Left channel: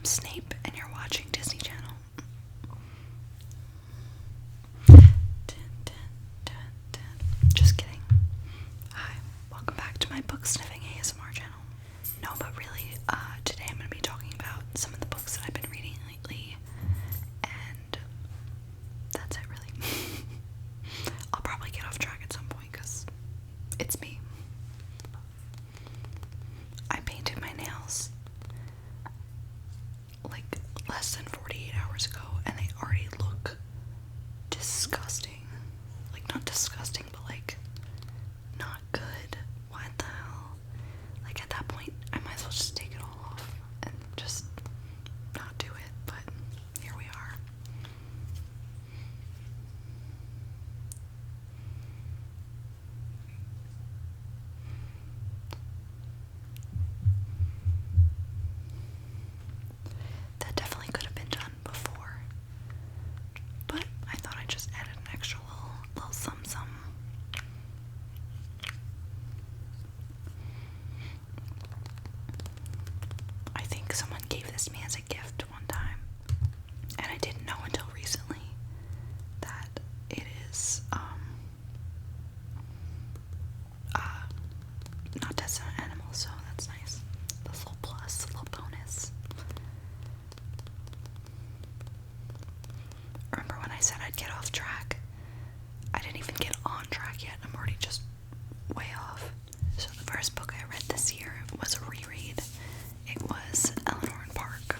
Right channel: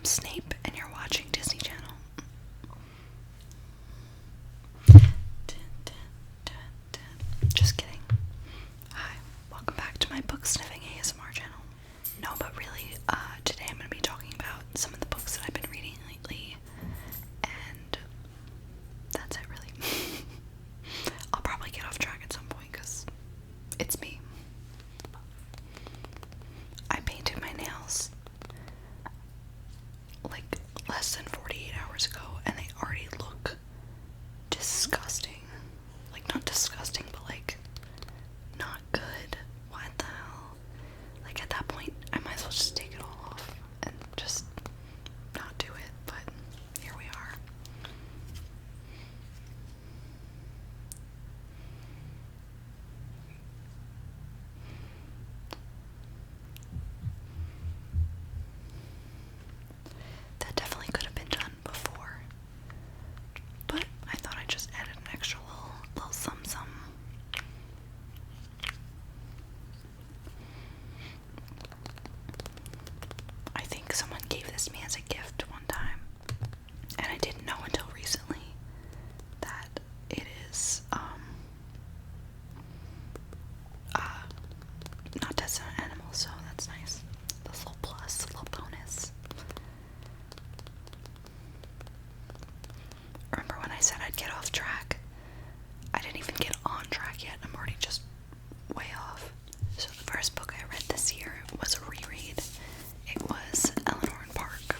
I'm Snape, and you're watching Disney Channel. Just kidding. Hi, welcome back to my book sniffing ASMR channel. No, but really, today I'm going to be talking about some of the books that I've been reading lately, and that's it, really. I'll probably get off track at some point, because it's me. I painted my nails like less than 48 hours ago, and they already look disgusting. Like, not disgusting, but like not good. What the hell? Like, at that point I might as well just take it all off and just not do it, but here we are. That definitely could have been done before, but I thought I'd just add an extra little some. I think someone gave this to me as a gift one time, and I didn't know until recently that it is not tested on animals, so that's nice. That's a little plus, a little bonus. Remember when I said I'd get off track? I didn't even get on track yet. I'm already just way off. So the first book I read this year was a reread. It was Eleanor and Park,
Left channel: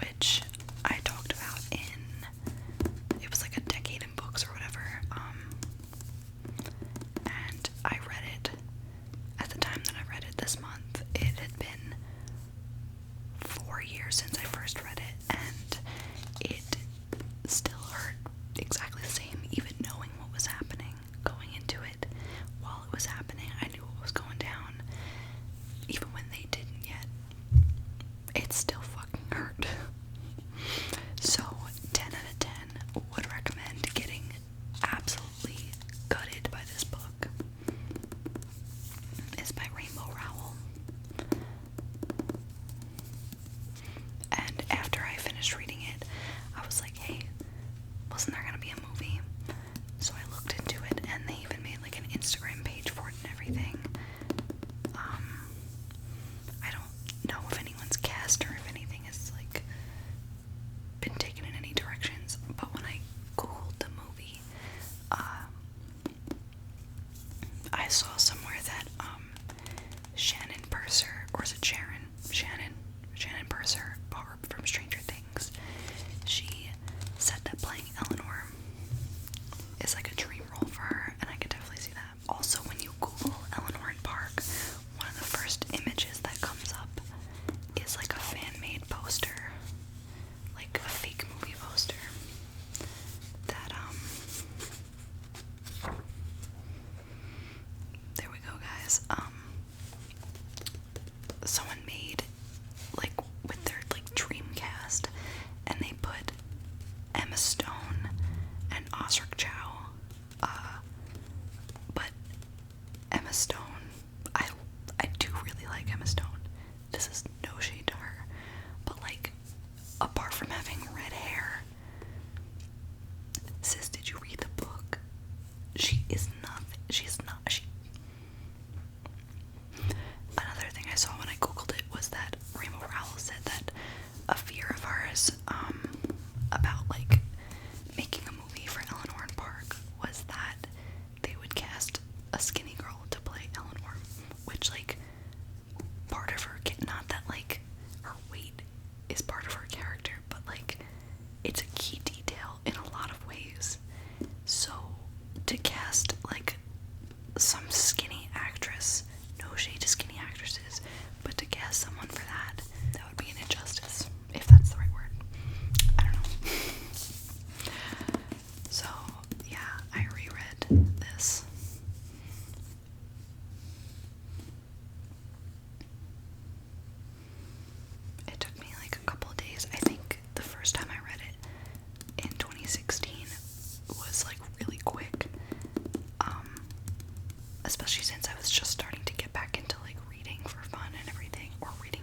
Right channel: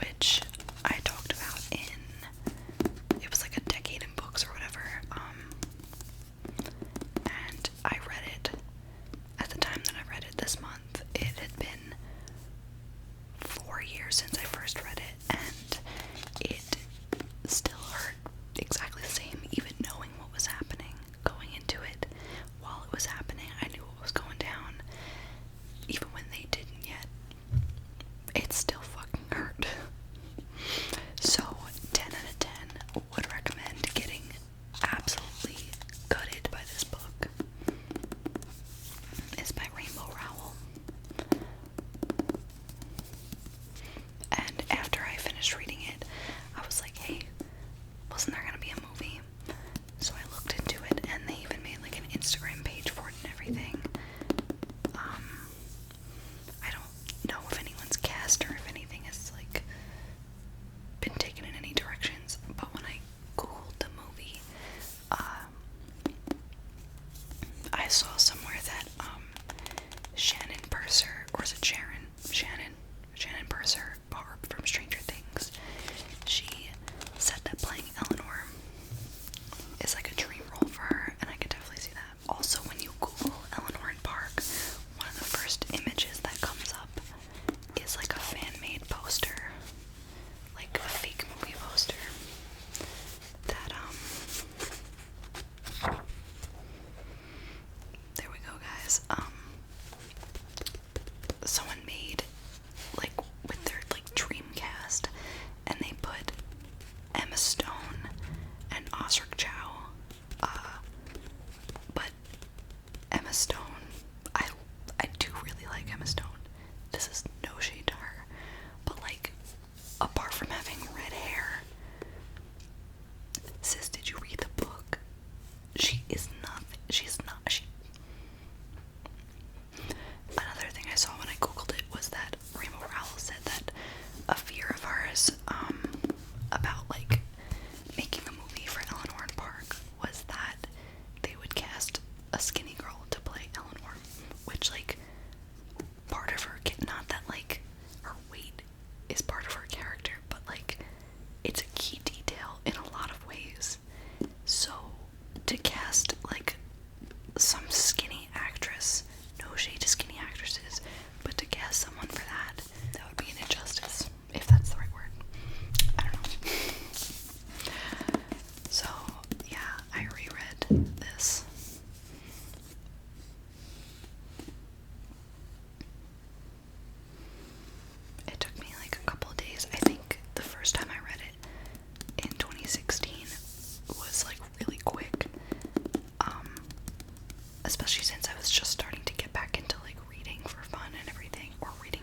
which I talked about it was like a decade in books or whatever, and I read it at the time that I read it this month. It had been 4 years since I first read it, and it still hurt exactly the same, even knowing what was happening, going into it. While it was happening, I knew what was going down, even when they didn't yet. It still fucking hurt. So, 10 out of 10, would recommend getting absolutely gutted by this book. It's by Rainbow Rowell. And after I finished reading it, I was like, hey, wasn't there gonna be a movie? So I looked into it, and they even made like an Instagram page for it and everything. I don't know if anyone's cast or if anything has like been taken in any directions, but when I googled the movie, I saw somewhere that Shannon Purser, or is it Sharon? Shannon Purser, Barb from Stranger Things, she said that playing Eleanor is like a dream role for her, and I could definitely see that. Also, when you Google Eleanor and Park, one of the first images that comes up is like a fan-made poster, like a fake movie poster that there we go, guys. Someone made like with their like dream cast, and they put Emma Stone and Osric Chow. But Emma Stone, I do really like Emma Stone. This is no shade to her, but like, apart from having red hair, sis, did you read the book? She is nothing. Another thing I saw when I googled it was that Rainbow Rowell said that a fear of hers about like making a movie for Eleanor and Park was that they would cast a skinny girl to play Eleanor, which like part of her, not that like her weight is part of her character, but like it's a key detail in a lot of ways. So to cast like some skinny actress, no shade to skinny actresses, but to cast someone for that would be an injustice, if that's the right word. I don't know. So yeah, I reread this. It took me like a couple of days. I think the first time I read it in 2016 was like really quick, especially since I was just starting to get back into like reading for fun and everything, or reading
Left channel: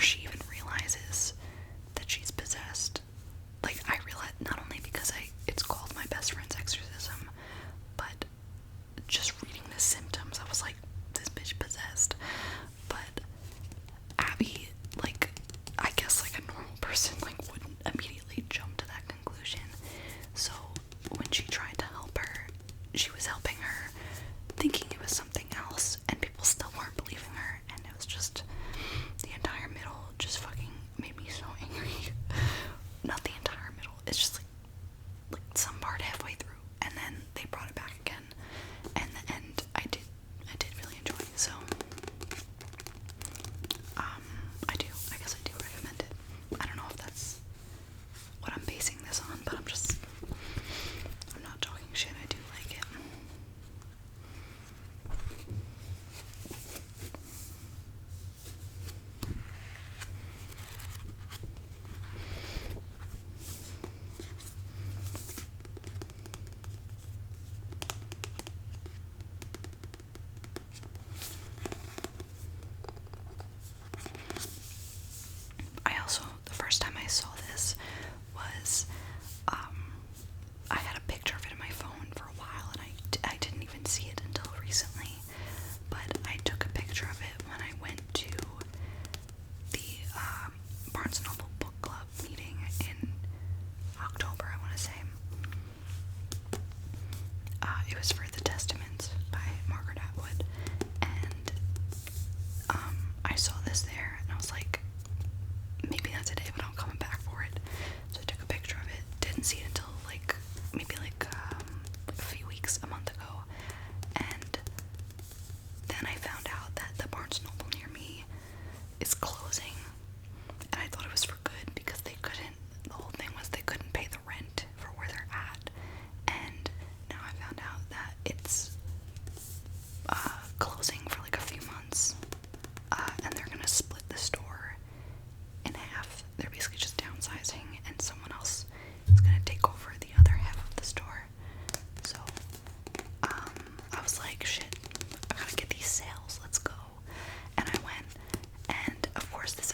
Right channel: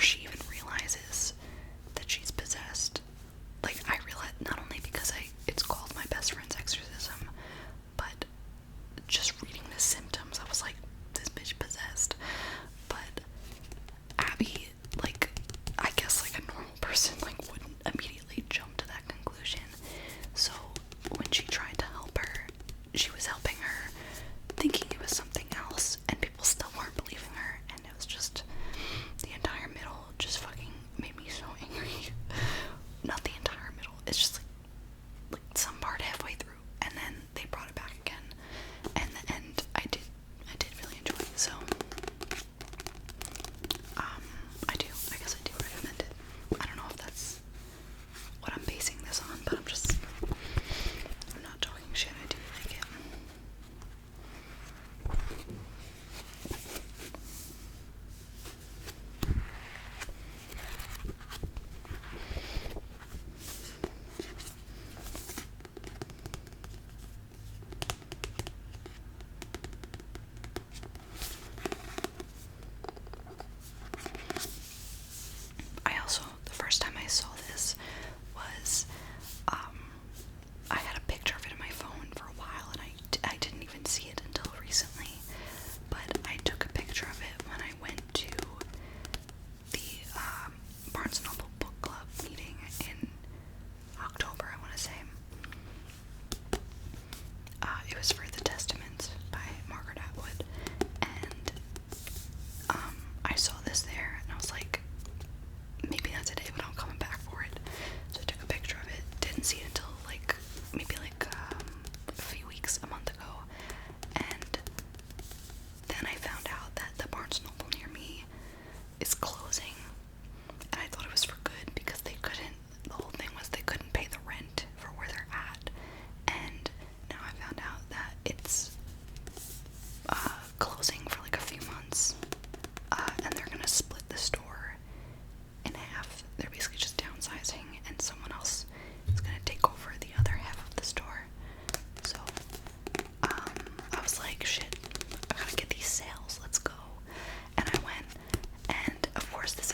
before she even realizes that she's possessed. Like, I realized, not only because it's called My Best Friend's Exorcism, but just reading the symptoms, I was like, this bitch possessed. But Abby, like, I guess like a normal person, like, wouldn't immediately jump to that conclusion. So when she tried to help her, she was helping her thinking it was something else, and people still weren't believing her, and it was just, the entire middle just fucking made me so angry. Not the entire middle, it's just like some part halfway through, and then they brought it back again, and the end I did really enjoy. So I guess I do recommend it. I don't know if that's what I'm basing this on, but I'm not talking shit, I do like it. The first time I saw this was, I had a picture of it in my phone for a while, and I didn't even see it until recently, but I took a picture of it when I went to the Barnes & Noble book club meeting in October, I want to say. It was for The Testament by Margaret Atwood, and I saw this there, and I was like, maybe not today, but I'm coming back for it. So I took a picture of it. Didn't see it until maybe a few weeks, a month ago, and then I found out that the Barnes Noble near me is closing, and I thought it was for good because they couldn't. The whole thing was they couldn't pay the rent for where they're at, and now I found out that it's closing for like a few months, and they're gonna split the store in half. They're basically just downsizing, and someone else is gonna take over the other half of the store. So I was like, shit, I gotta get these sales, let's go. And I went, and of course this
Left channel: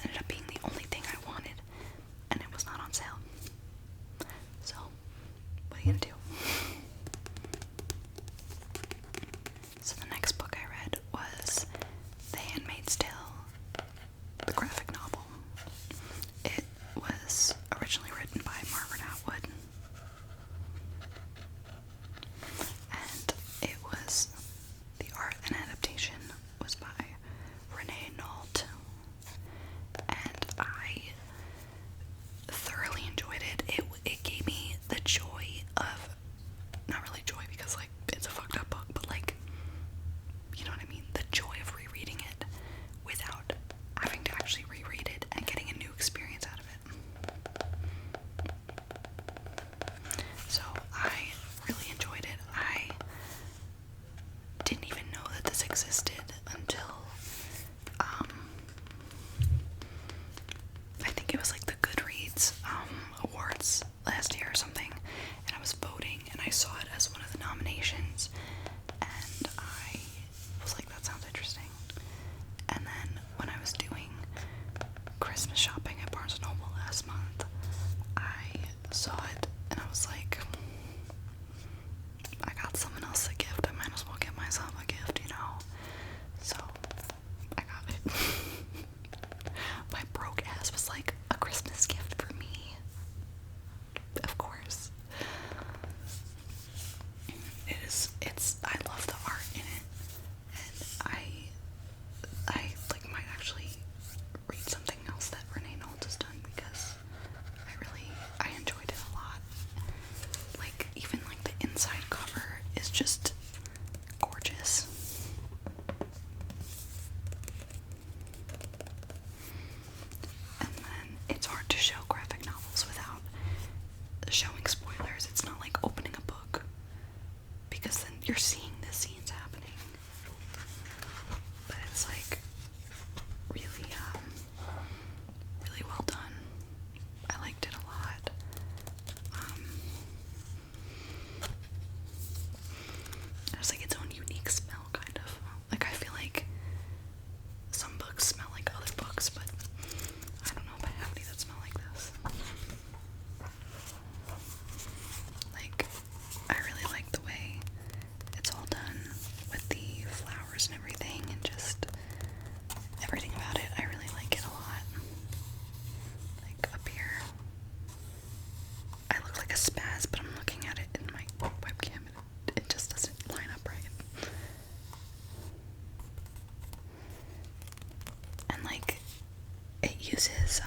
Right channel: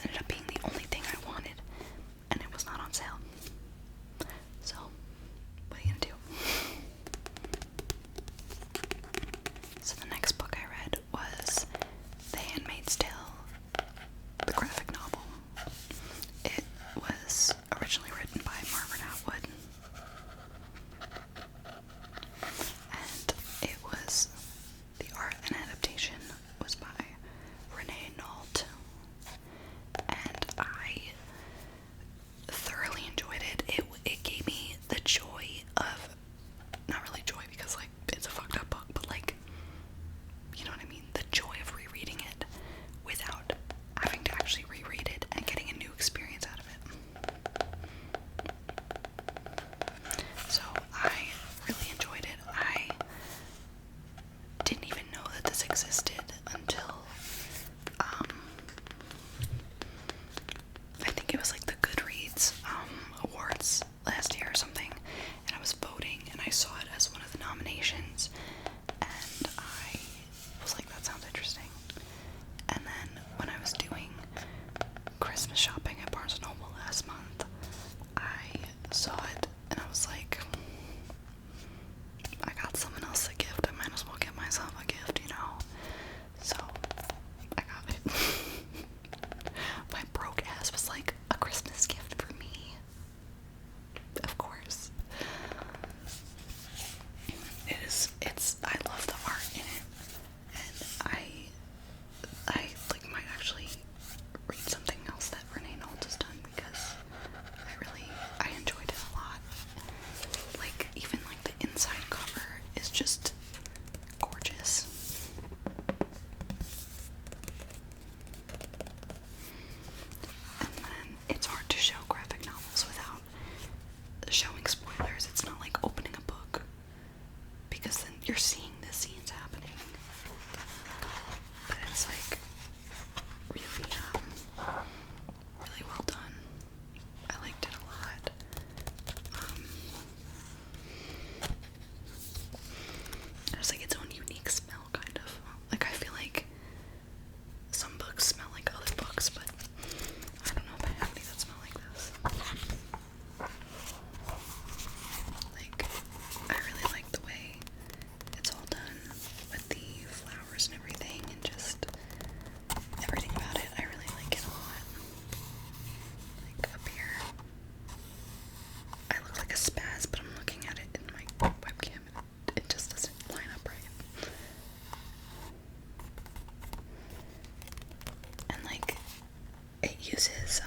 it uses,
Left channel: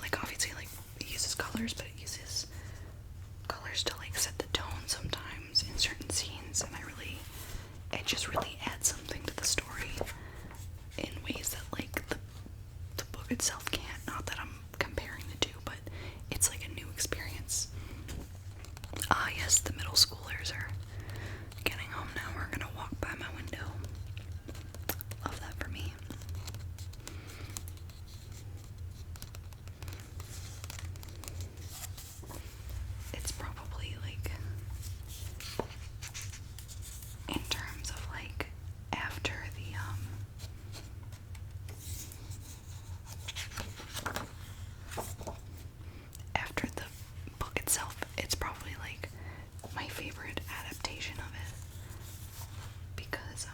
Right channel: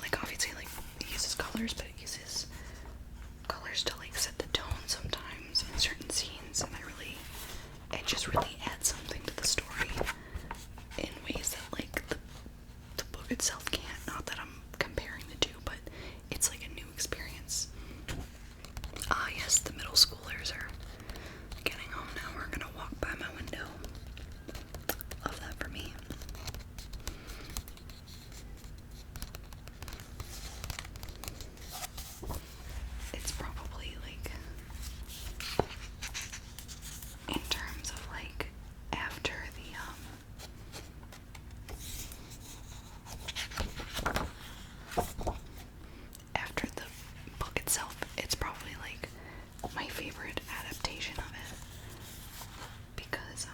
like, obviously, like, it uses colors, but it uses colors to, like, set the tone sometimes in certain scenes, and it just really adds something to the story in ways that, like, the book itself can't. Not that I'm comparing the two, but it's like a new experience. Ah, yes, the middle schoolers are getting home now. We're gonna walk by my window. Love that for me. It's probably like, in terms of like after the book itself, it's probably like my favorite adaptation of it, because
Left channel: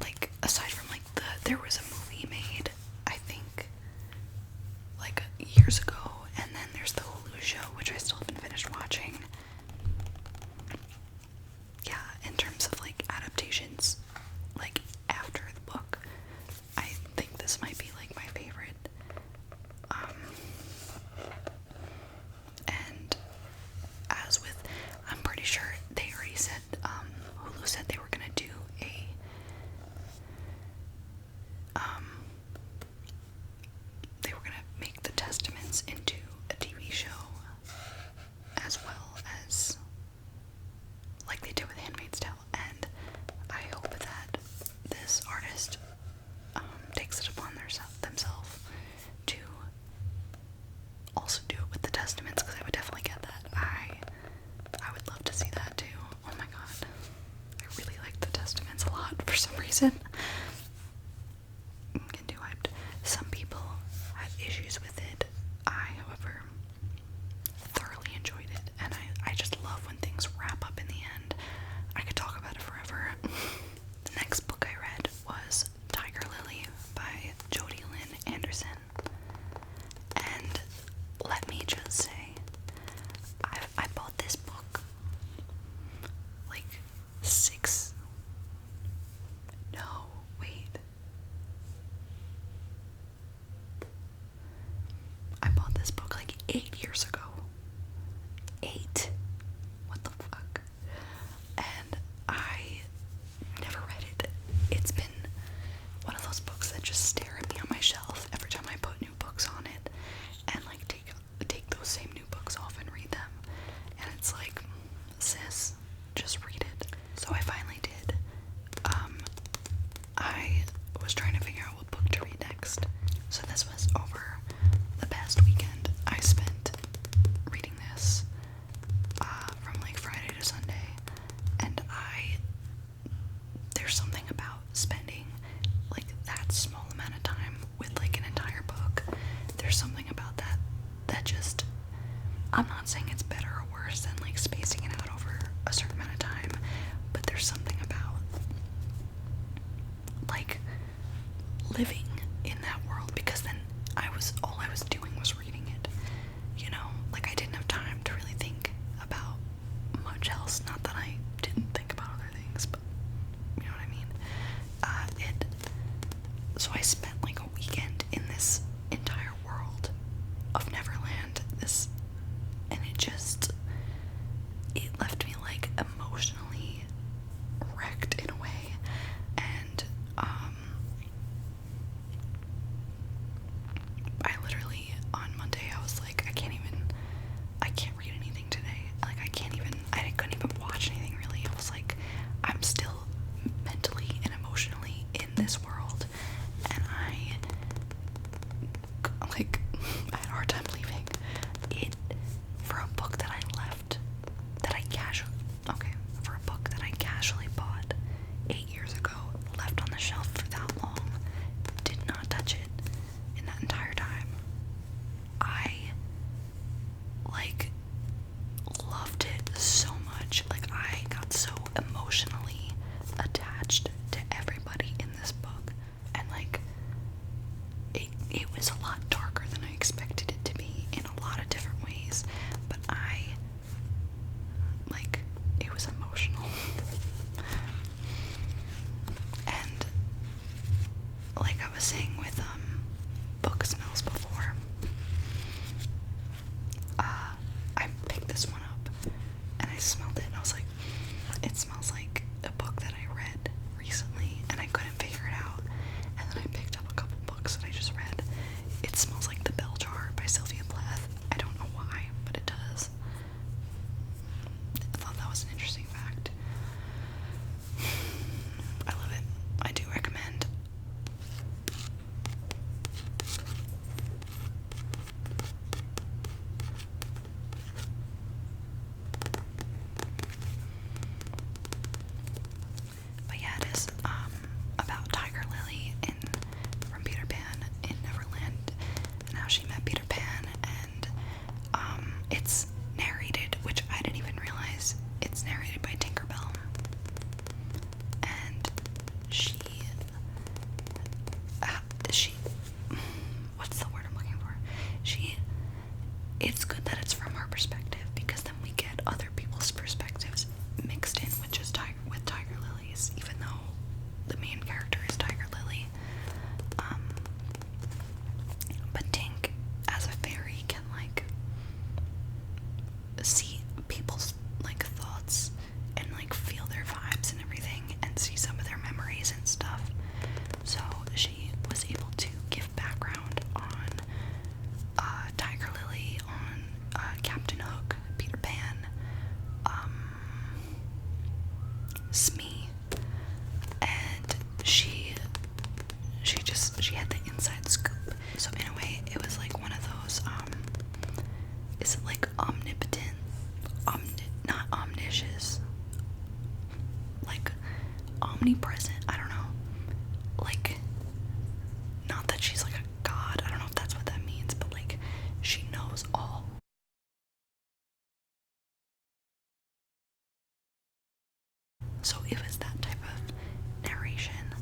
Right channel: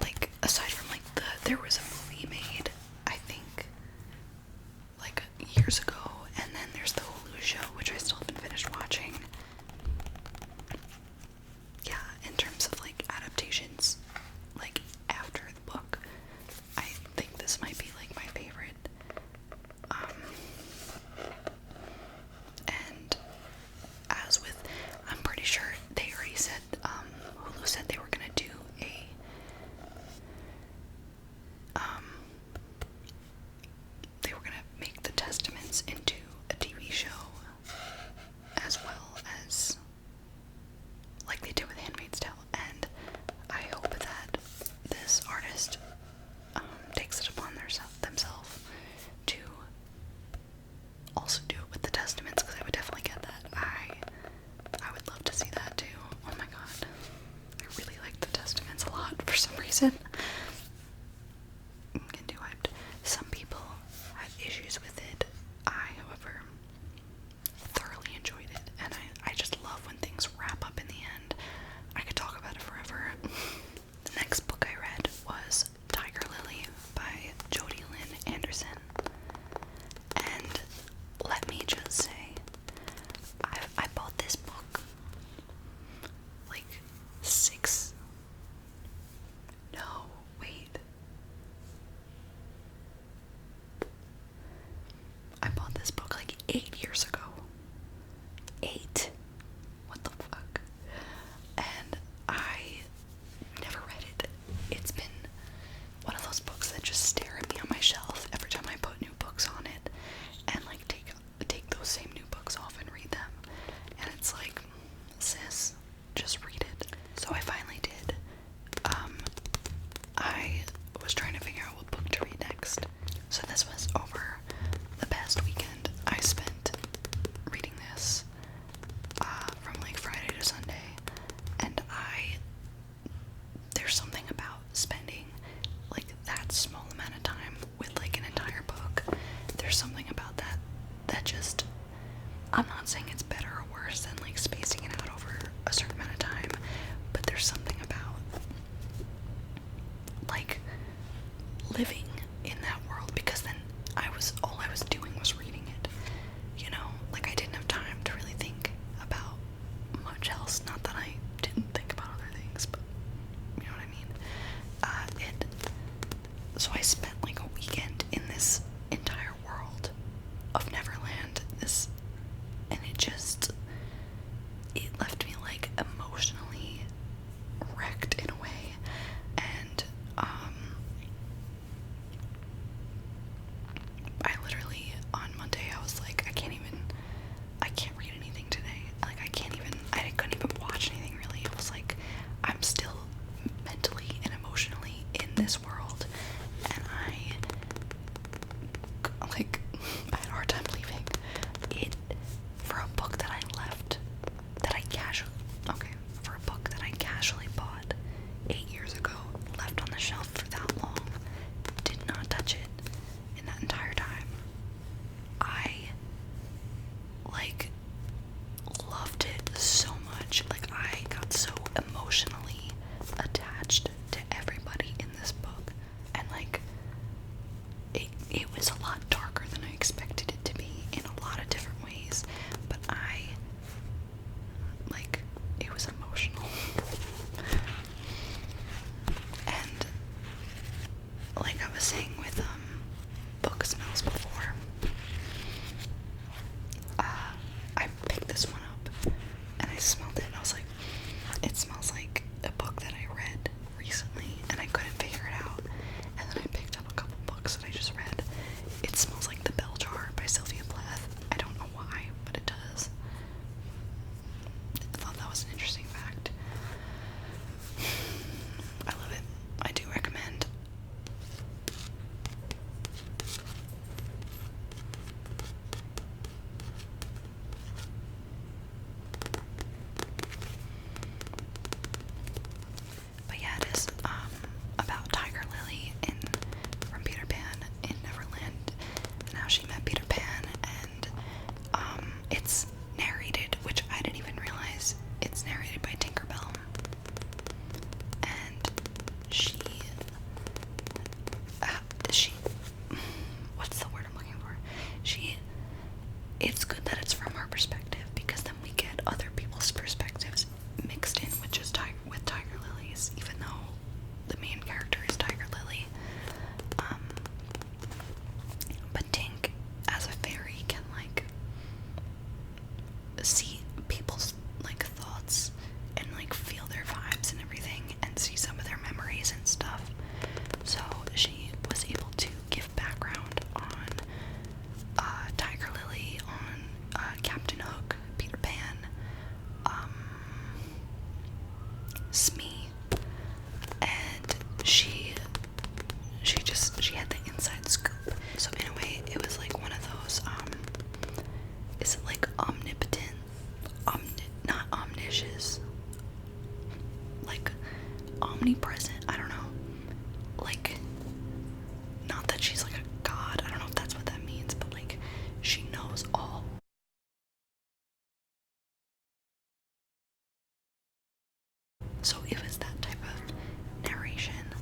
like, aside from like there was a movie made, I think, like years ago, and then there's the Hulu show, which I still haven't finished watching. Yeah, in terms of like adaptations, like after the book, I think this might be like my favorite. And as with, I'm pretty sure they already said, Hulu said they were gonna do they were gonna make the Testaments into a TV show, as well as like they did with Handmaid's Tale, and I hope that this artist takes it upon themselves to also do it with the Testaments, because I would definitely get that. I would love to see that too. Oh my god. I really like the Testaments a lot for some reason. I'm getting too hyped. Some people had issues with it. I, however, thoroughly enjoyed it, and I just love when things wrap up in the end. I could talk about it forever. The next book I read was Tiger Lily by Jodi Lynn Anderson. And let me just say, I bought this book like I bought this book like 8 years ago. 8. What the fuck? And I never read it. It's been one of those books that just stare at me on my shelf every time I put new books on it, and like take those same new books off and read them. And it's like, sis, just read it. So I finally did. I was trying to figure out what book to read next. So this was over the past weekend. I spent reading this from like Friday to Sunday, and there's something about spending like that small amount of time with like an entire book. There's something about that just, I'm not saying it's better or worse than like spacing it out over a certain amount of time, but there's something about like living in that world, because then all I was doing was reading it, you know, like I didn't have time to really think about much else. Not that I didn't think about other things, but you know what I mean. So I spent like a weekend in this entire world of Neverland, and it left me like emotionally wrecked in a way, and omnipresent. I don't know. Like, not that she's like a god. I don't know if that's what that means, but like, she knows all. So it was that type of narration,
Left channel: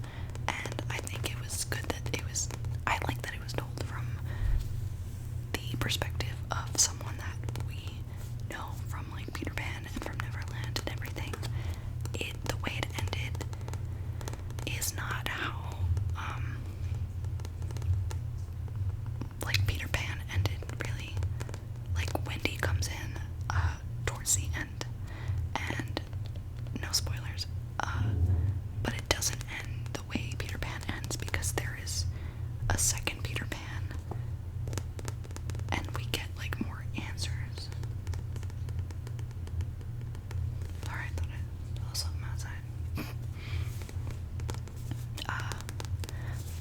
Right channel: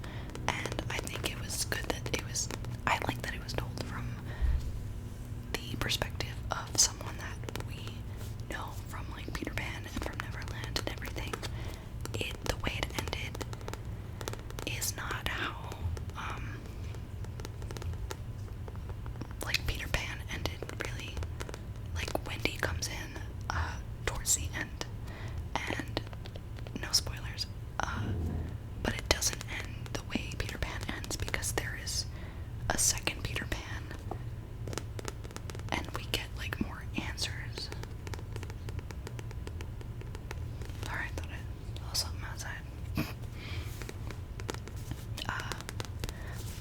and I think it was good that it was, I like that it was told from the perspective of someone that we know from like Peter Pan and from Neverland and everything. The way it ended is not how like Peter Pan ended, really. Like Wendy comes in towards the end, and no spoilers, but it doesn't end the way Peter Pan ends, because there is a second Peter Pan, and we get like more answers. Sorry, I thought I saw something outside.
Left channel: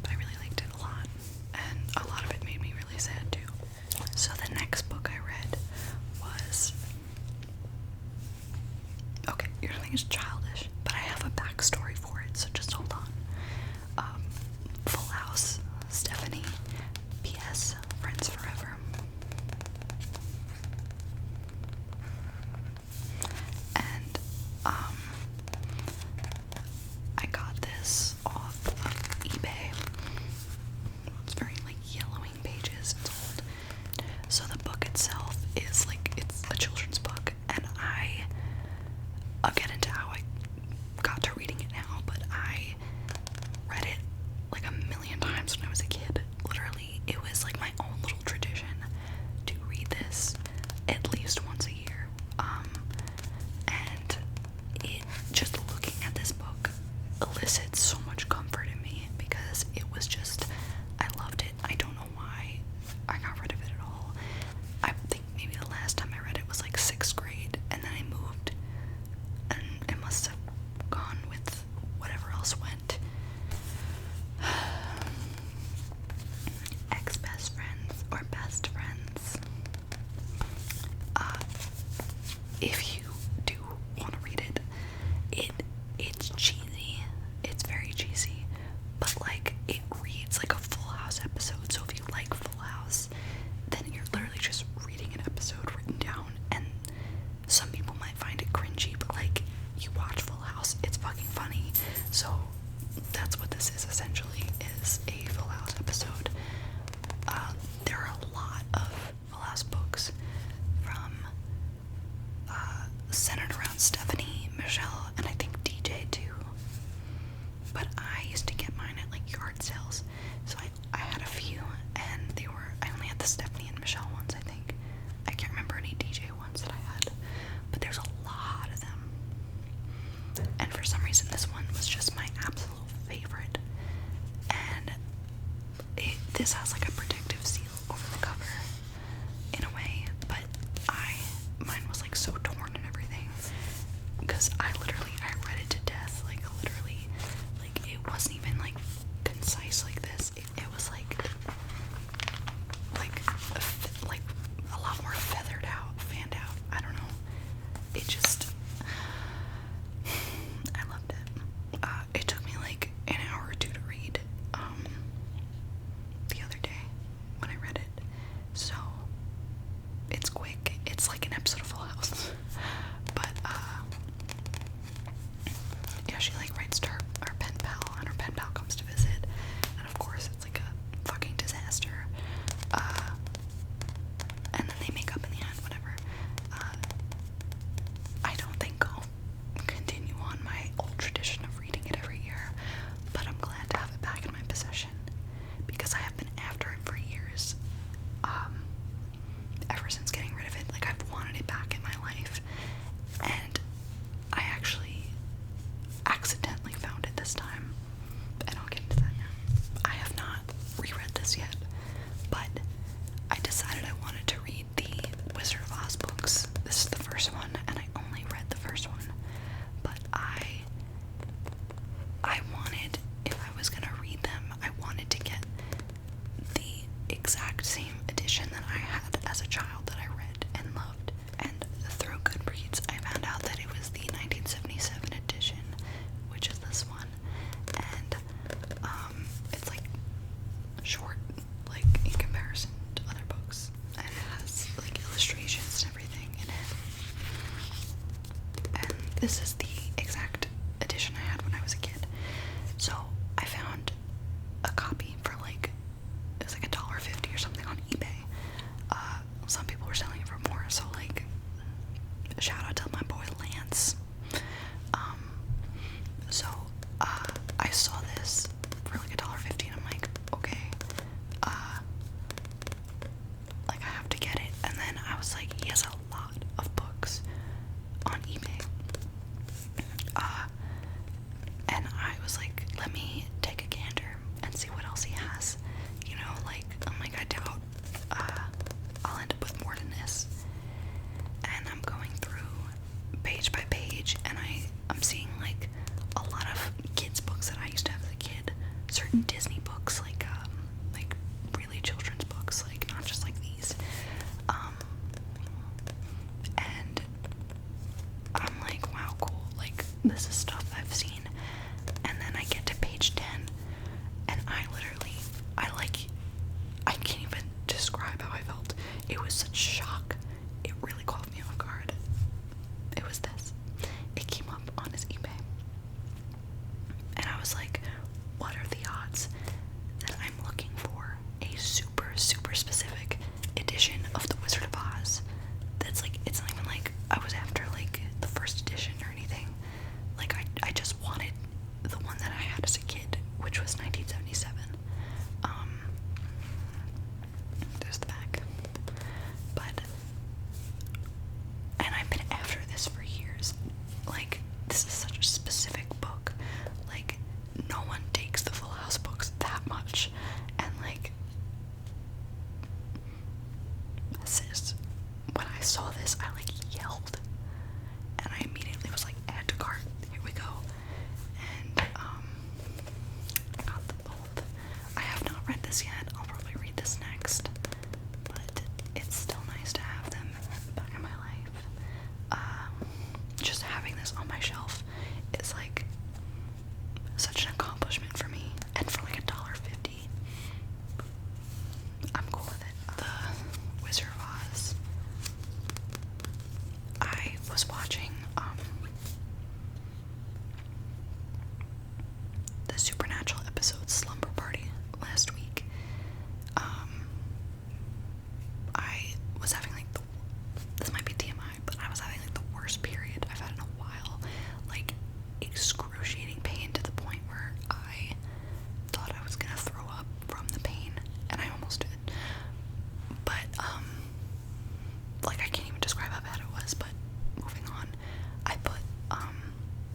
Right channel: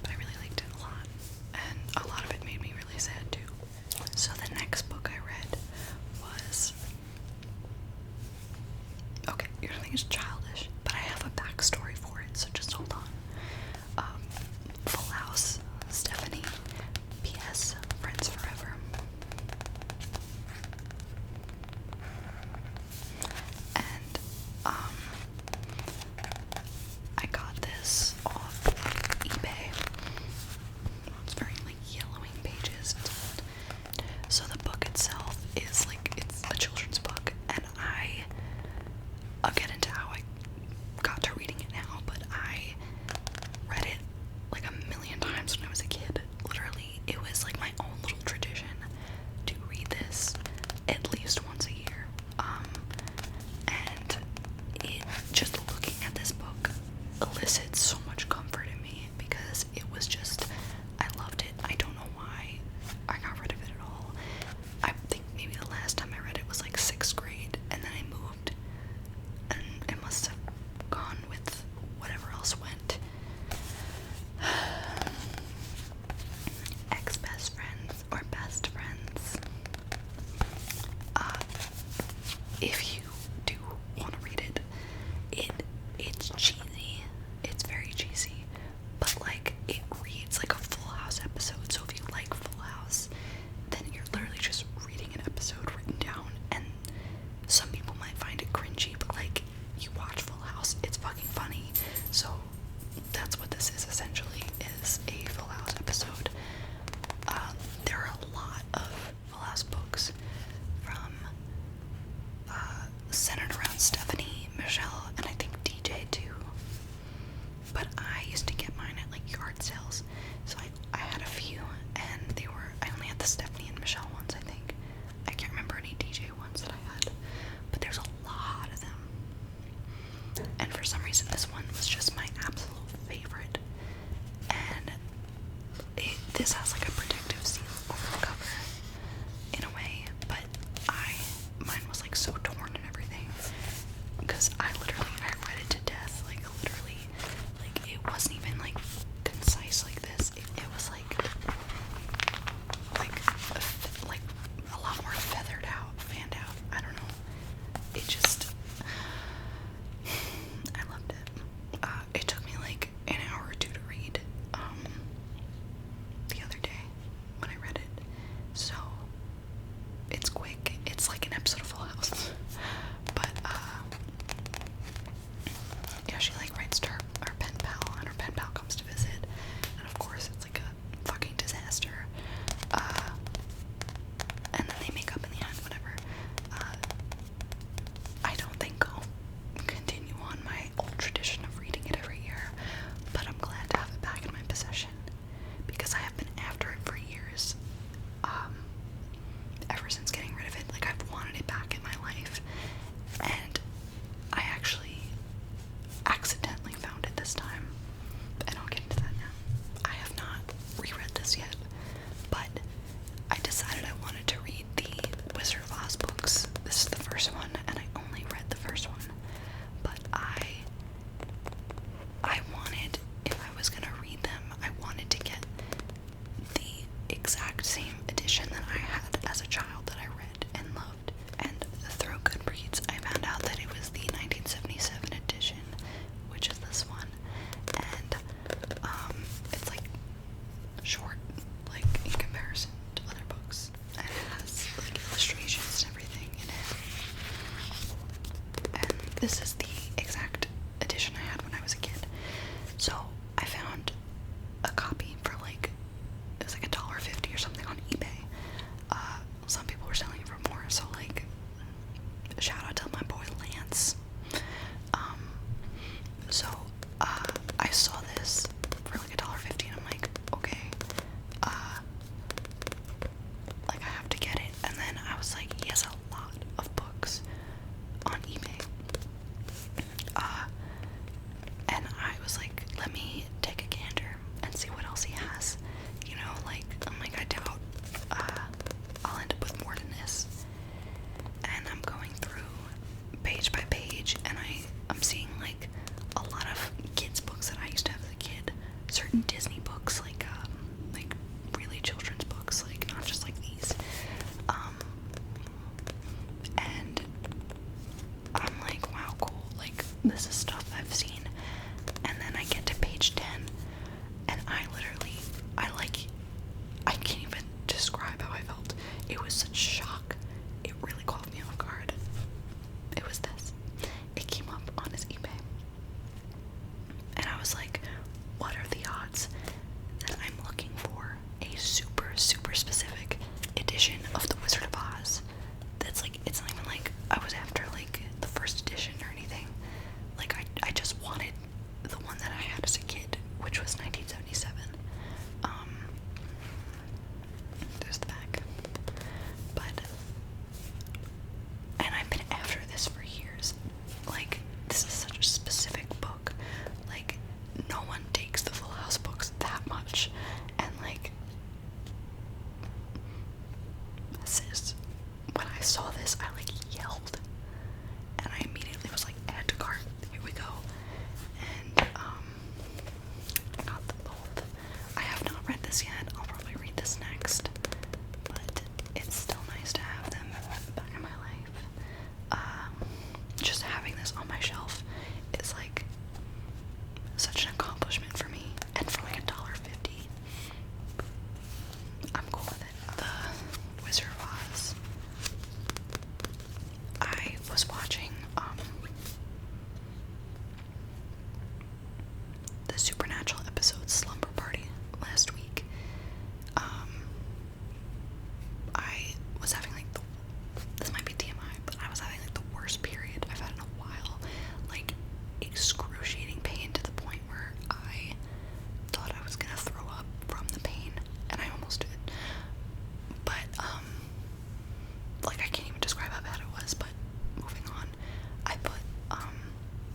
But I really liked it a lot, and a lot of it made me really sad too. So the next book I read was, okay, you're gonna think it's childish, but I have a backstory for it, so just hold on. Full House, Stephanie, P.S. Friends Forever. And, I got this off of eBay. It's very, like, yellowing pages. It's old. So the book itself is, like, it's a children's book, and I'll get into how I got to reading it now, but I read it like a million times when I was a kid. Literally, it was like my own little tradition to read this at least once a year. And it, just looking at this book elicits so much comfort in me, because it was just, I loved it. I don't know why I got rid of it at all. I think maybe the last time I read it was like 6th grade, and then I moved, and it must have gone with whatever else went. Ex-best friends or best friends. If you do want to read it, it's cheesy. It's very cheesy, but like, it reads like a Full House episode. So if you like Full House, then you're literally just reading an episode written down. And some people might find it cringy, but like, you watch Full House, it's fucking funny. So that's what this is essentially, is a Full House episode. There are a lot of Full House books from centered around Stephanie, Michelle, and I think DJ too. But I used to get mine at like yard sales, so I had a few, and I only had the Stephanie and Michelle ones, I think. I can't remember any DJ ones that I had, but there's a lot of them. And for some reason, this one was just my absolute favorite. And this has like a protective seal over the cover in a way, but mine was like so torn and everything, because I read it to death, like literally, like it wasn't even like concise like this. It was like a lot more feathered out, fanned out. I don't know. It just, I loved it. It took me like an hour or two to read the other day. this is the exact edition I had when I was a kid. So I found a copy for like, it was like $1.50 or something on eBay. Some people were selling it for more, so like, shout out to my boy Lance. So I saw this for like $1.50 and I'm like, okay, like I have to get it. And then I was like, he has a lot of books on eBay. And I was like, let me take a gander and see what else he has. You know, like, I'm like, I doubt I'll end up with more than this. And I'm going through page by page, and I'm seeing like a lot of kids books that I used to have as a kid. Certain Disney books, like really children's books, like not just like these. And I'm like, wow, cool. Like, this is stuff I've seen. And then I get to page 10, and I can't even describe how I felt. It was such shock. It really caught me off guard. It was this. It came up on his eBay. And I was like, what are the odds that I'm looking for a super, super specific edition of The Wizard of Oz? That's like, it's not even like I was after like the first edition or anything. Like, I just wanted the one that I had as a kid, which was 1977. There's the back. But, and I've been after this for years. Like, this is such a specific book. Like, no one takes the Full House books that much. And like, sis, when I saw this, I like yelled. And I immediately was like, add to cart, here we go. And I got them both. I have not read this yet. I'll probably read this next. But it's still nice to have them back in my life. Just having this on my shelf is like such an accomplishment for me. And for like $1.50, I'm cool with it. The Wizard of Oz. I was watching the Supernatural episode Slumber Party last week. I was having like this might be TMI, but I was having like the worst period I've had in a while. Like, excruciating pain to the point where I thought I was gonna throw up from the pain, and I almost did. But like, I can't even describe how bad it was. But moving on, I put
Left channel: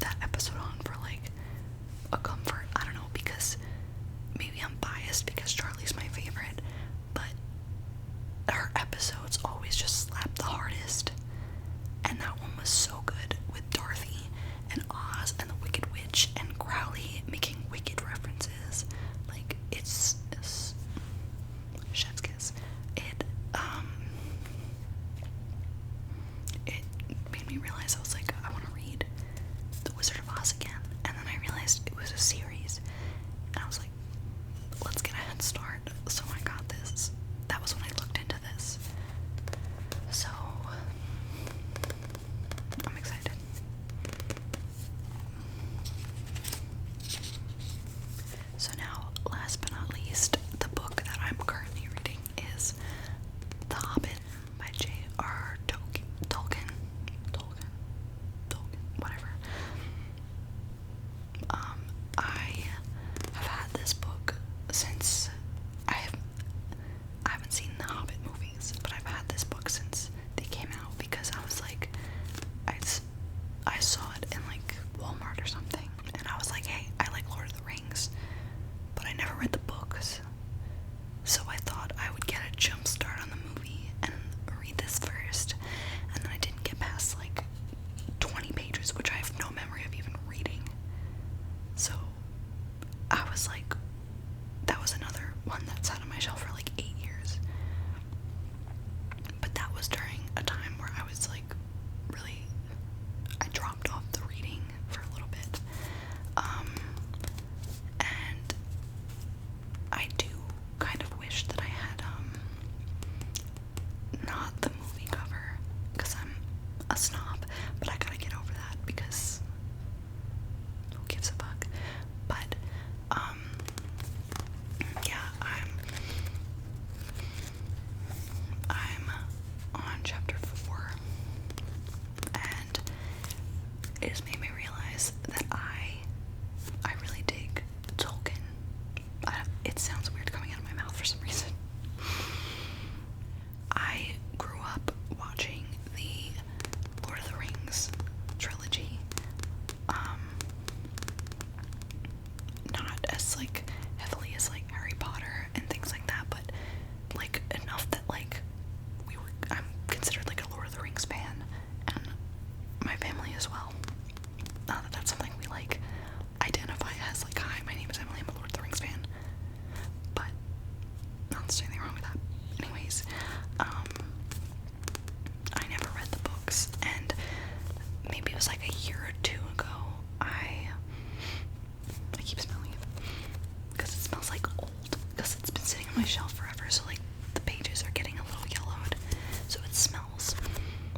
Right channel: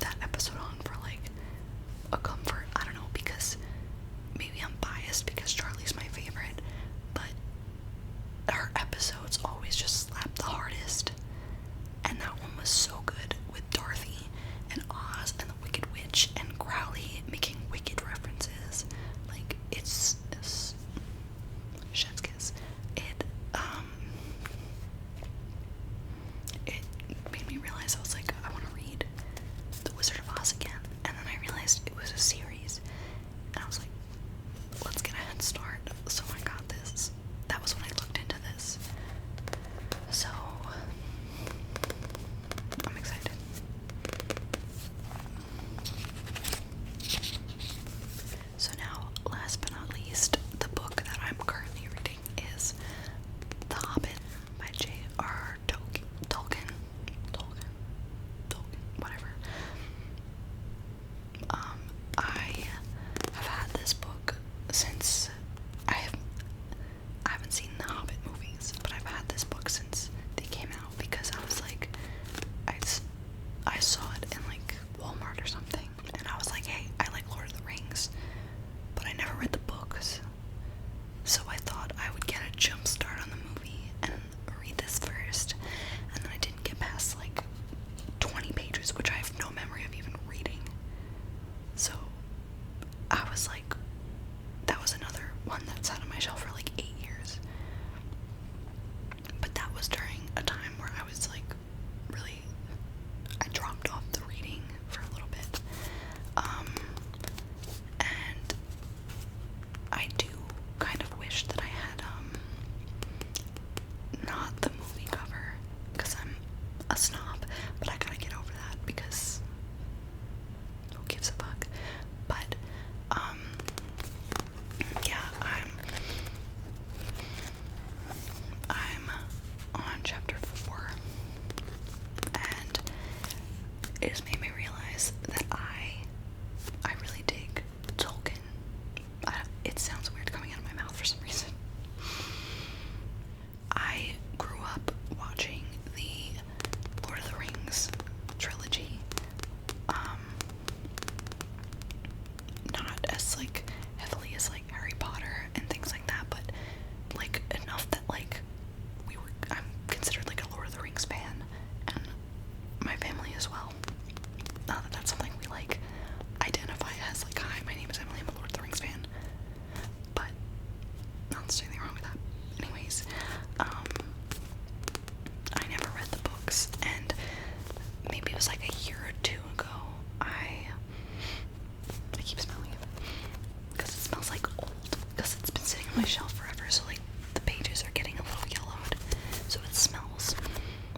that episode on for like a comfort. I don't know, because maybe I'm biased because Charlie's my favorite, but her episodes always just slap the hardest. And that one was so good, with Dorothy and Oz and the Wicked Witch and Crowley making Wicked references. Like, it's chef's kiss. It made me realize, I was like, I want to read The Wizard of Oz again. And then I realized it was a series, and I was like, let's get a head start. So I got this. That was when I looked into this. So I'm excited. So now, last but not least, the book that I'm currently reading is The Hobbit by J.R. Tolkien, whatever. I have had this book since like heavily as like Harry Potter and things like that, but like enough that like I'm considered like a Lord of the Rings fan, and my family as well. Not that that's something we like identify as, like, hi, my name is Emily, I'm a Lord of the Rings fan, but not there's anything wrong with that. Anyways, I never read the books, and maybe it was like a year or two ago, I keep smelling it, because it smells like old, because it's been sitting on my shelf forever, so like the pages are getting a little yellowed, so it smells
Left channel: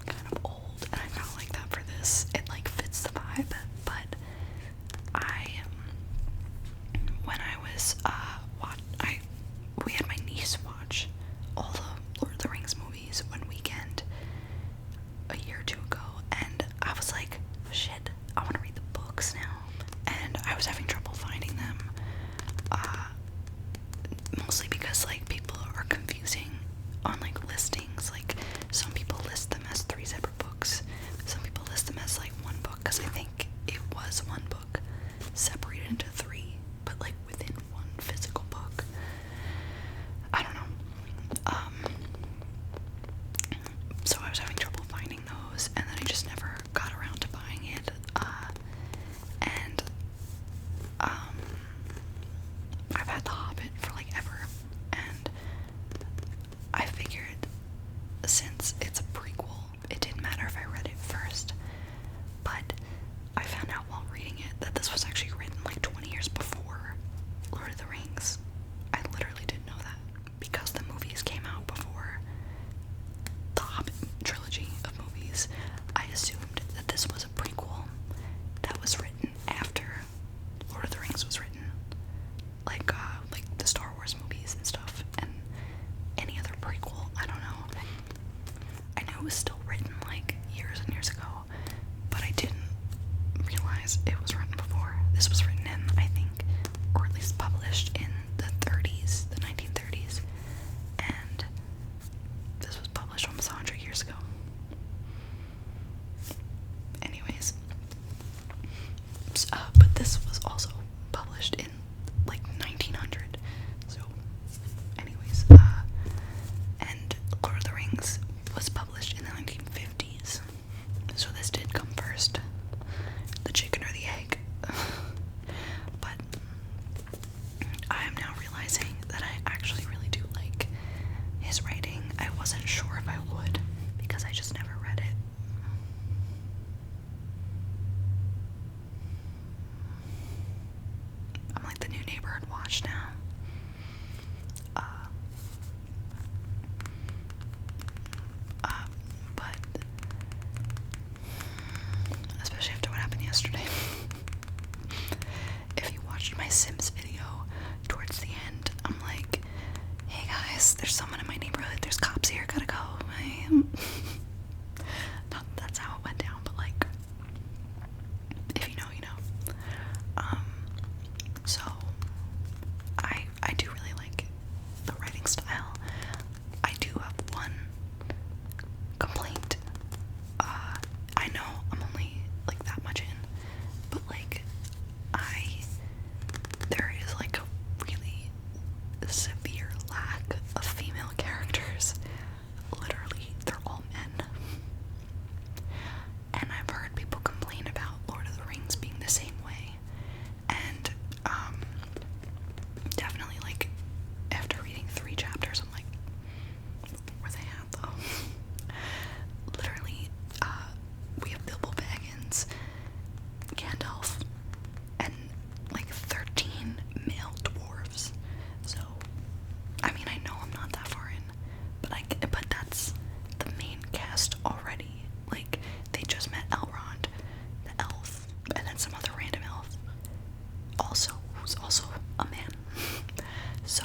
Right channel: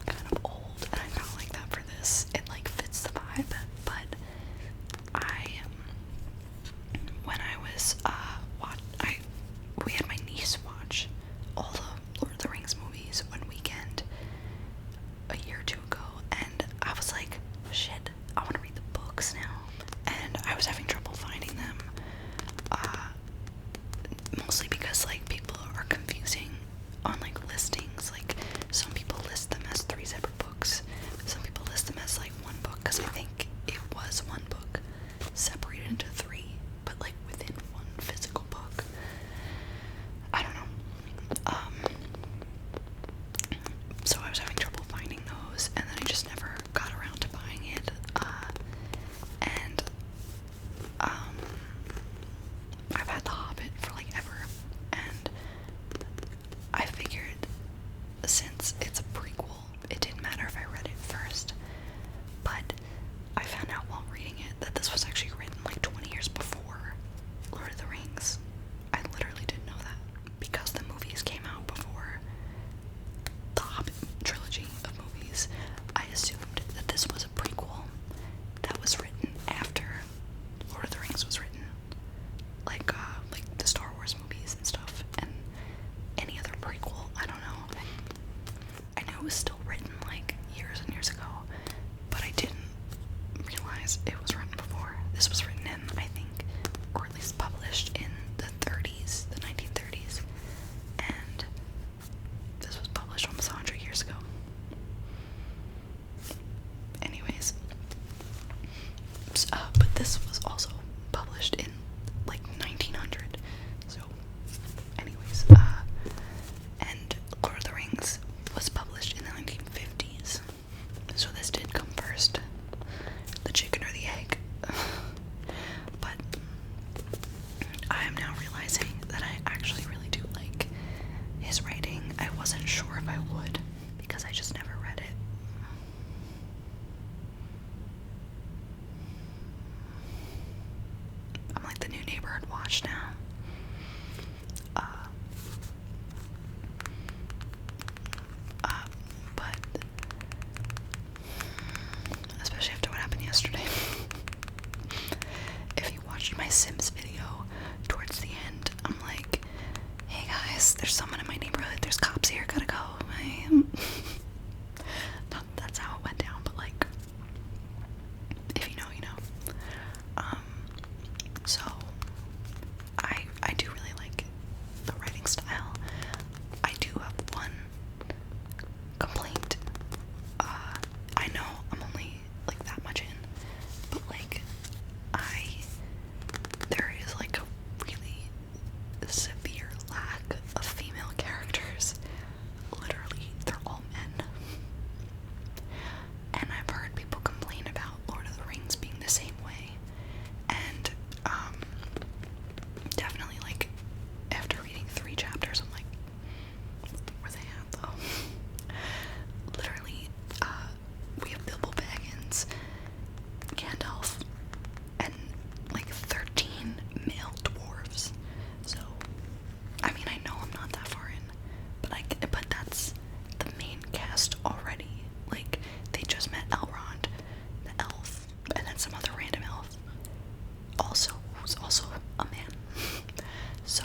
kind of old, and I kind of like that for this. It like fits the vibe, but when I was we had my niece watch all the Lord of the Rings movies one weekend a year or two ago, and I was like, shit, I want to read the books now, and I was having trouble finding them, mostly because like people are confusing on like listings. Like some people list them as 3 separate books, some people list them as like one book, because I think it was one book separated into 3, but like within one physical book. I don't know. So I was having trouble finding those, and then I just never got around to buying it. And I've had The Hobbit for like ever, and I figured since it's a prequel, it didn't matter if I read it first. But I found out while reading it that this was actually written like 20 years before Lord of the Rings. I literally didn't know that, because the movies came out before the Hobbit trilogy of movies. I assumed that this was a prequel that was written after Lord of the Rings was written, like the Star Wars movies and stuff, and any other prequel. I don't know. I knew it was still written like years and years ago, but I didn't realize it was written before. This was written in, I think, or at least published in the 30s, the 1930s, and this was published almost 100 years ago. Anyways, but this was also published in like 1900, so anyways, and Lord of the Rings was published in the 1950s, so this did come first, the chicken or the egg. But I am now realizing that I actually really do like his writing. I wasn't sure if I would, because I just never read it. I'm like the new neighborhood watch now. But especially after what happened yesterday. If you watched my Sims video, towards the end, I'm like, hey guys, there's someone in my neighborhood, there's cops here, gotta go. Not that's how it went down, but like, if you know, you know. So I do really like the writing style. I do have one complaint. I know I'm only like that much in, but like there is like a really severe lack of female characters. Literally, they're all men. And I've heard people complain about Lord of the Rings being the same way. And definitely like after reading 3 chapters, I'm like, where they at though? Literally, we have Bilbo Baggins, Gandalf, and like 13 male dwarves. So, I mean, I know I'm not that far in, but that's the main cast already. Like, they just met Elrond, the elf, and then some other random elf, who's also a man. So,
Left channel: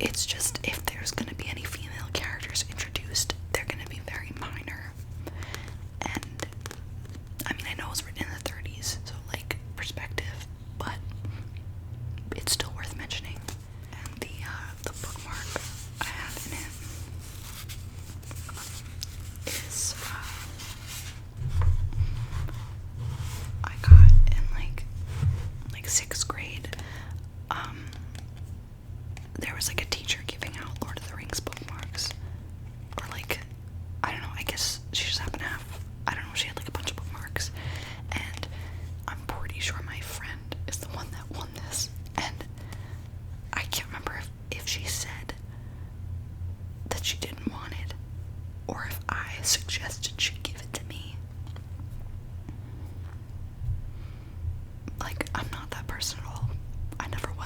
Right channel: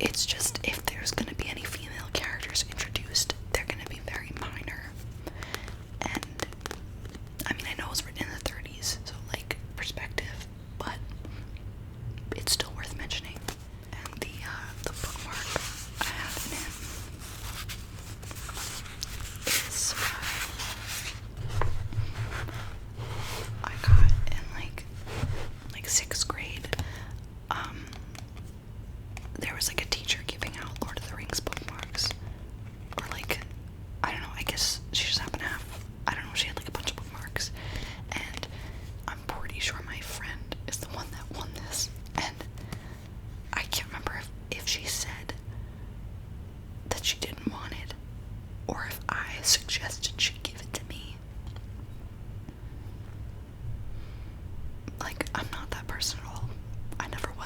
it's just, if there's gonna be any female characters introduced, they're gonna be very minor. And I mean, I know it was written in the 30s, so like perspective, but it's still worth mentioning. And the bookmark I have in it is I got in like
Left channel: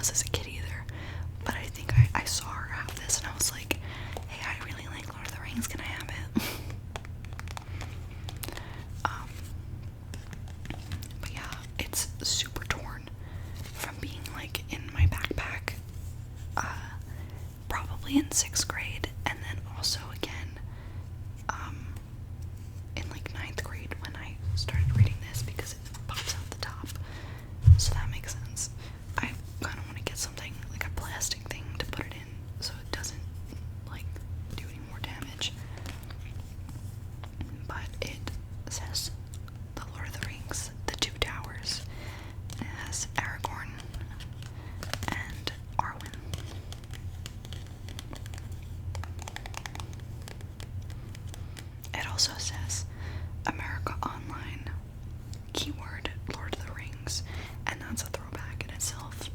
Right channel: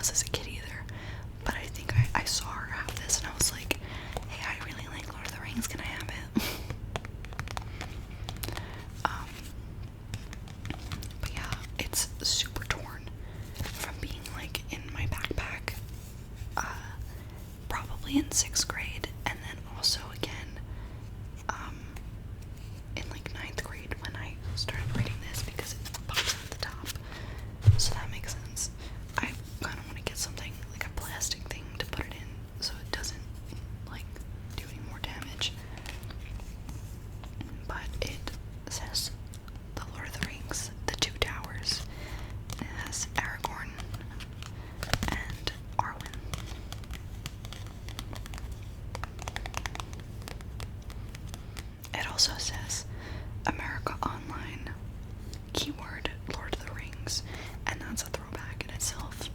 was as a kid either, but I think I saw her have this and I was like, hey, I really like Lord of the Rings, can I have it? But yeah, it's super torn from being like in my backpack, probably in 6th grade, and then also again, in like 9th grade when I started reading this because it pops out the top. So that makes sense. I kind of want to get something like a plastic thing to put it in so it doesn't like do any more damage. But it says The Lord of the Rings, The Two Towers. And it has Aragorn and Arwen. It also says America Online, keyword Lord of the Rings, and that's a throwback in itself.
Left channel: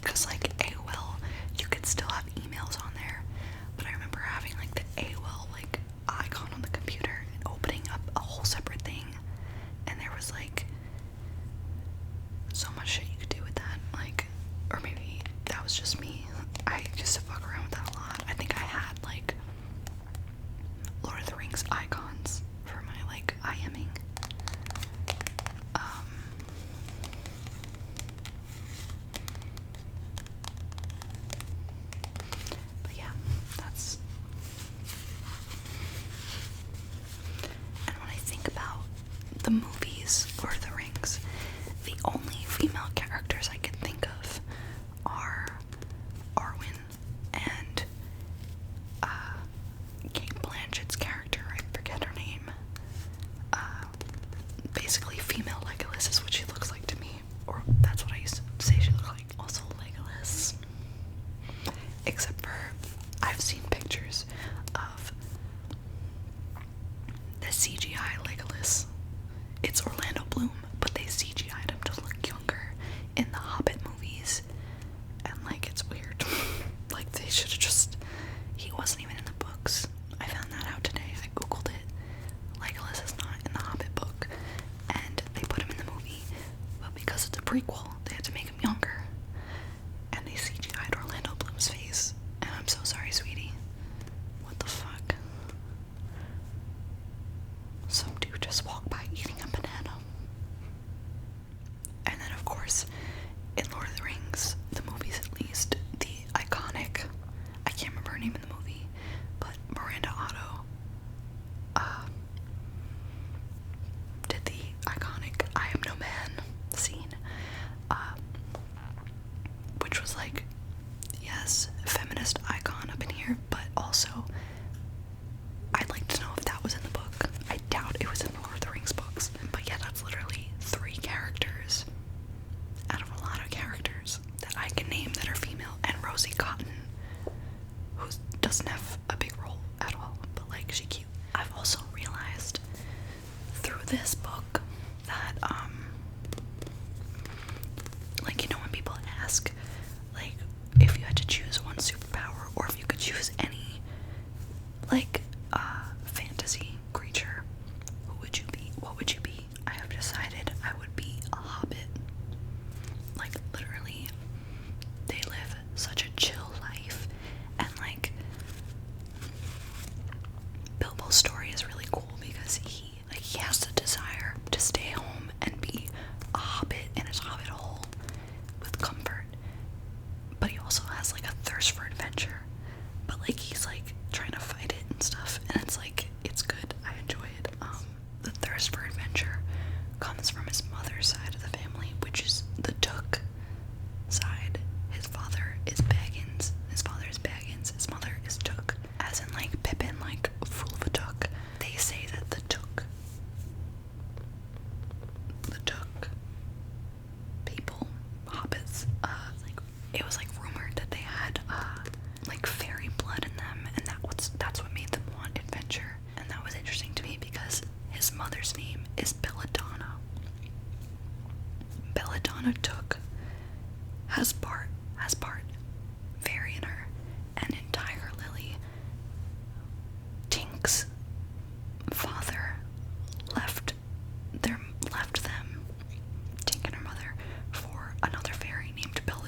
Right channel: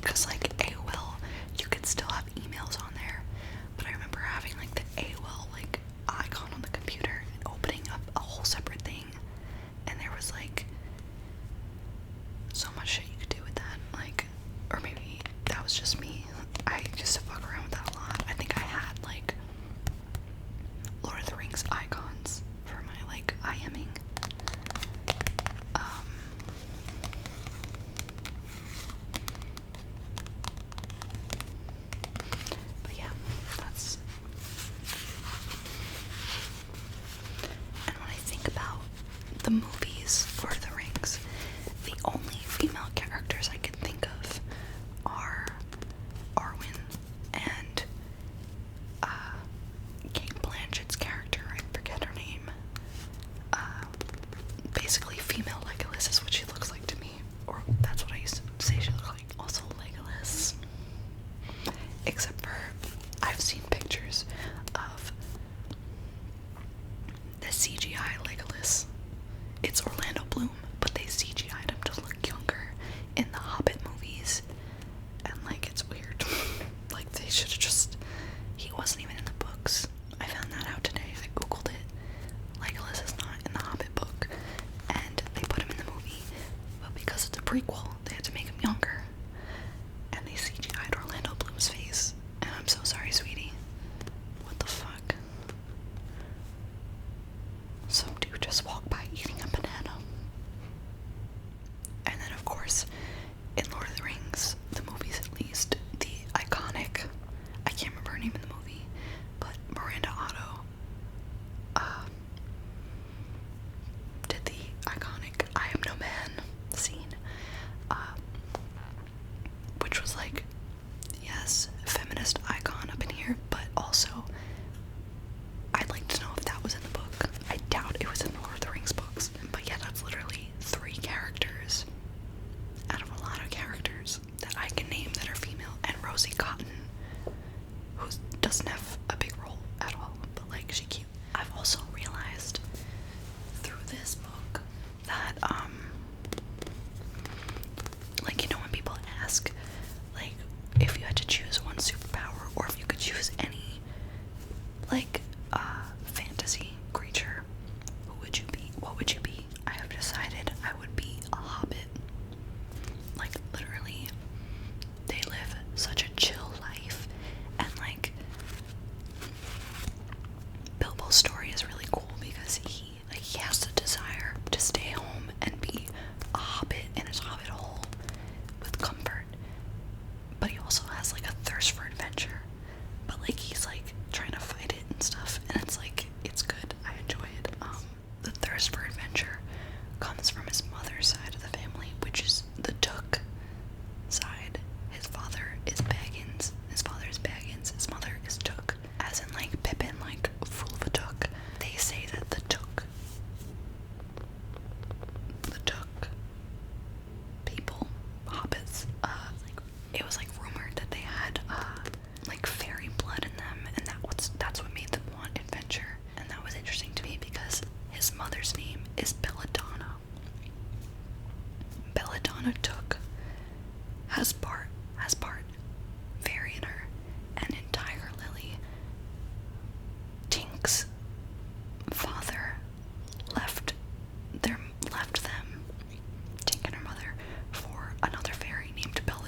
Because like AOL, you could still have emails on there, but I remember having like the AOL like icon on the computer and opening up a whole separate thing, and there was like so much shit you could do with that. Like, or maybe that was just me. I used to fuck around with that a lot. I think I had like Lord of the Rings icons for my like IMing. But yeah, that's. And when I think about the movies Lord of the Rings, the only female characters I can think of are Arwen and Kate Blanchett's character. I forget her name. Basically, female Legolas is what she looks like to me, or that's what I used to say she looked like. Also, Legolas. Except for I've seen pictures of the CGI Legolas. It's Orlando Bloom, but they CGI'd him to look younger in the Hobbit movies, and like it's weird. Like they should have just. He wasn't even in the books. I found that out today. I googled it. Legolas is not in the Hobbit book, and they put him in the movie, but because it's a prequel, they had to make him younger, and they CGI'd Orlando Bloom's face. And I'm so sorry, sweetie. What the fuck? Some dude just walked by eating a banana. And then, of course, in Lord of the Rings, the movies at least, the iconic, I can't remember her name in the movie, but Miranda Otto did the iconic I Am No Man scene, which was like, yes, feminist icon up in here, but also I'd like to know if that was in the book. I doubt it was in the Lord of the Rings books. But yeah, that's literally 3 characters out of a lot of characters that I can name that are female. And Rosie Cotton, who doesn't have a big role at all, but like she's cute. I've also realized through this book that like, you know, when people ask like if you had to choose one superpower or if you could choose any like fantasy creature, who would you be? What would you be? I have decided I would be a hobbit. Like literally, they live such a chill life, and like Bilbo's story is really cool because he has the desire to stay home and be a hobbit in his hobbit hole with comfort, but he also has like a thirst for adventure, but like he's like trying to fight it and stuff, and it's like, it's good. I enjoy it. The thirst for adventure comes from his mother's side of the family, which is the Took side. His father is Baggins. His father is Baggins. His mother is Took, as in like Pippin, like fool of a Took. They say that the Took people, hobbits, like it was like rumored that they had like fairy blood in them, and that's what made them want adventure. And that was interesting to me because his mother's name is Belladonna. Belladonna Took has part fairy in her, and in Tiger Lily, Tink's father left them, Tink and her mother, for another fairy named Belladonna.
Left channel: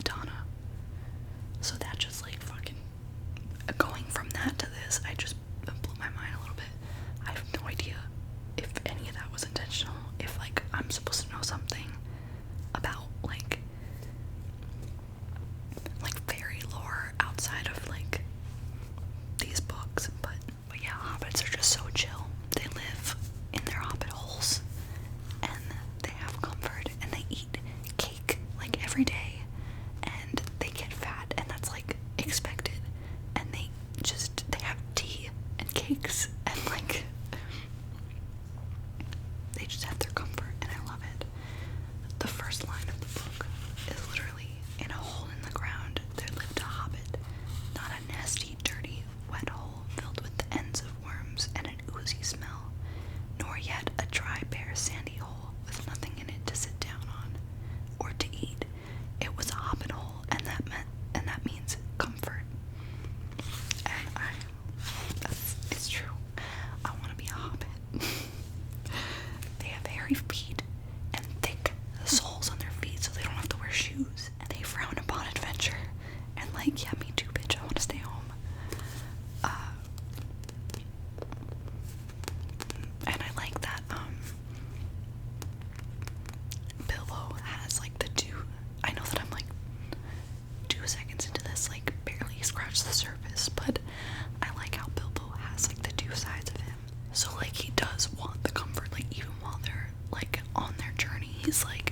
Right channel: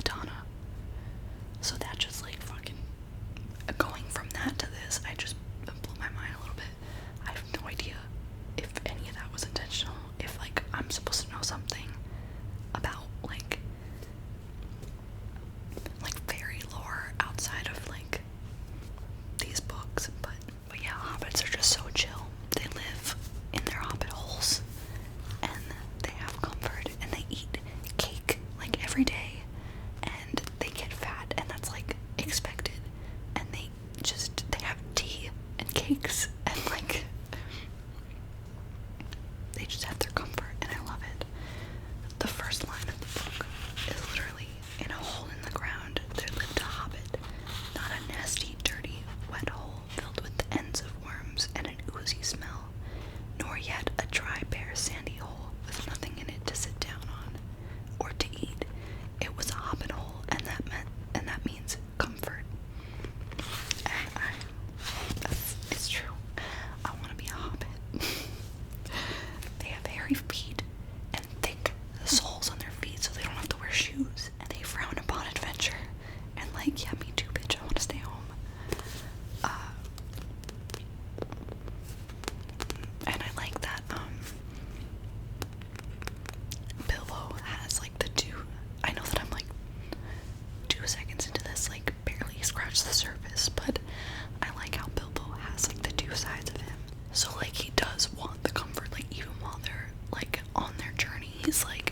he's like